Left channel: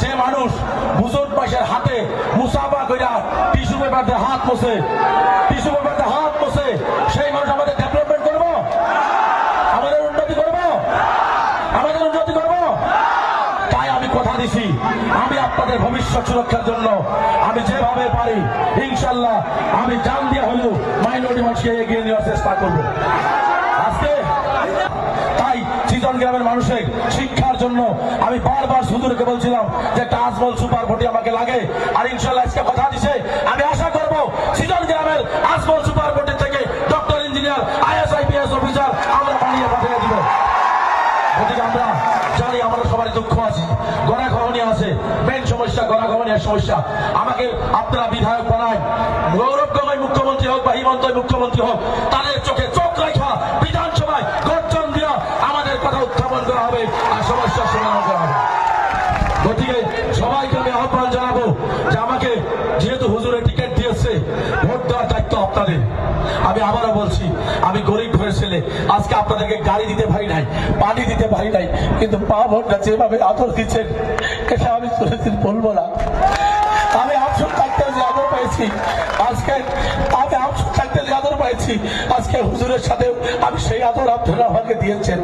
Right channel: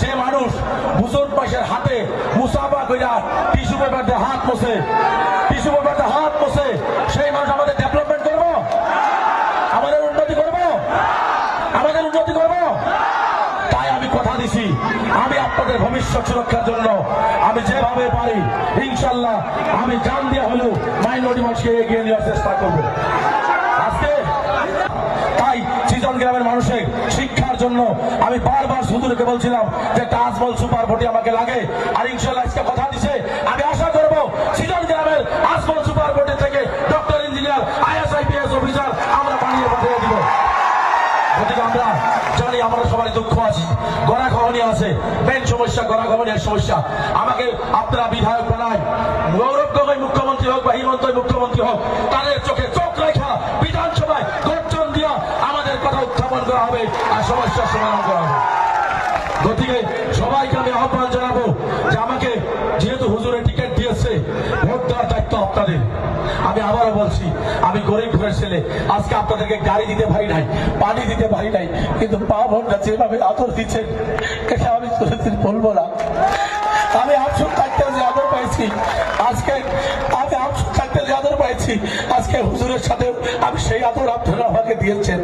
যে মানুষ বুজুর্গ বয়সের হাতে মুসাফা কইরা টিস্যু পেপার দিয়ে হাত মোছে, টিস্যু পেপার দিয়ে হাত মোছে, সেই মানুষ আমাদের ডেভেলপমেন্ট করবো, আমাদের উন্নতি করবো, আমাদের উন্নতি করবো। তাই আমি কথা দিছি, আমি আপনাদের ভবিষ্যৎ সুরক্ষার জন্য আমি যেভাবে পারি ইনশাল্লাহ আমি জান দিয়ে হলেও মাইনরিটি মানুষকে এগিয়ে নেওয়ার চেষ্টা করবো। আজকে তাই চিজন গ্রামের মানুষের শিক্ষার জন্য আমি বারবার হুজুরকে বলছিলাম যে একটা আজমল সুপার ভোটে আমাকে লাগে, আর ইনশাল্লাহ আজকে কথা দিছে আমি আশা করবো চিজন গ্রামের আজমল সুপার ভোটে থেকে doctor engineer IAS IPS officer আমরা বানিয়ে পাঠিয়ে দিব। গতিকে আমরা জানি আমরা সবারই দুঃখ আছে, গণাগমনী আছে, মেন সমস্যা গণাগমনের সমস্যা। আমাকে আপনারা বিধায়ক বানায়, গৌরব গগৈ মুখ্যমন্ত্রী হোক বা হিমন্ত মুখ্যমন্ত্রী হোক, তাদের চোখে চোখ রেখা বিধানসভায় গর্জন দিয়া আমাদের কথা উত্থাপন করা হবে আর সমস্যার সমাধান করা হবে। গতিকে সবাইকে আমি আহ্বান জানাবো যে আমাকে যেহেতু হুজুরের টিকিট দিয়েছে, ভোট দেওয়ার দায়িত্ব আপনাদের। আমি আবারও বলছি আমি গরিব ঘরের ছেলে, আজকে আপনাদেরকে গাড়ি দিতে পারি নাই, পানি দিতে পারি নাই, কিন্তু মা বোনরা যেভাবে আদর দিচ্ছেন এটা আমি কোনোদিন বলবো না। আমি আফসোস থাকতে যে আদর পাইছি আজকে, আমি আফসোস থাকতে যে আদর পাইছি আজকে হুজুরের সাথে আমি সেই আদর আপনারা আমাকে দিয়েছেন।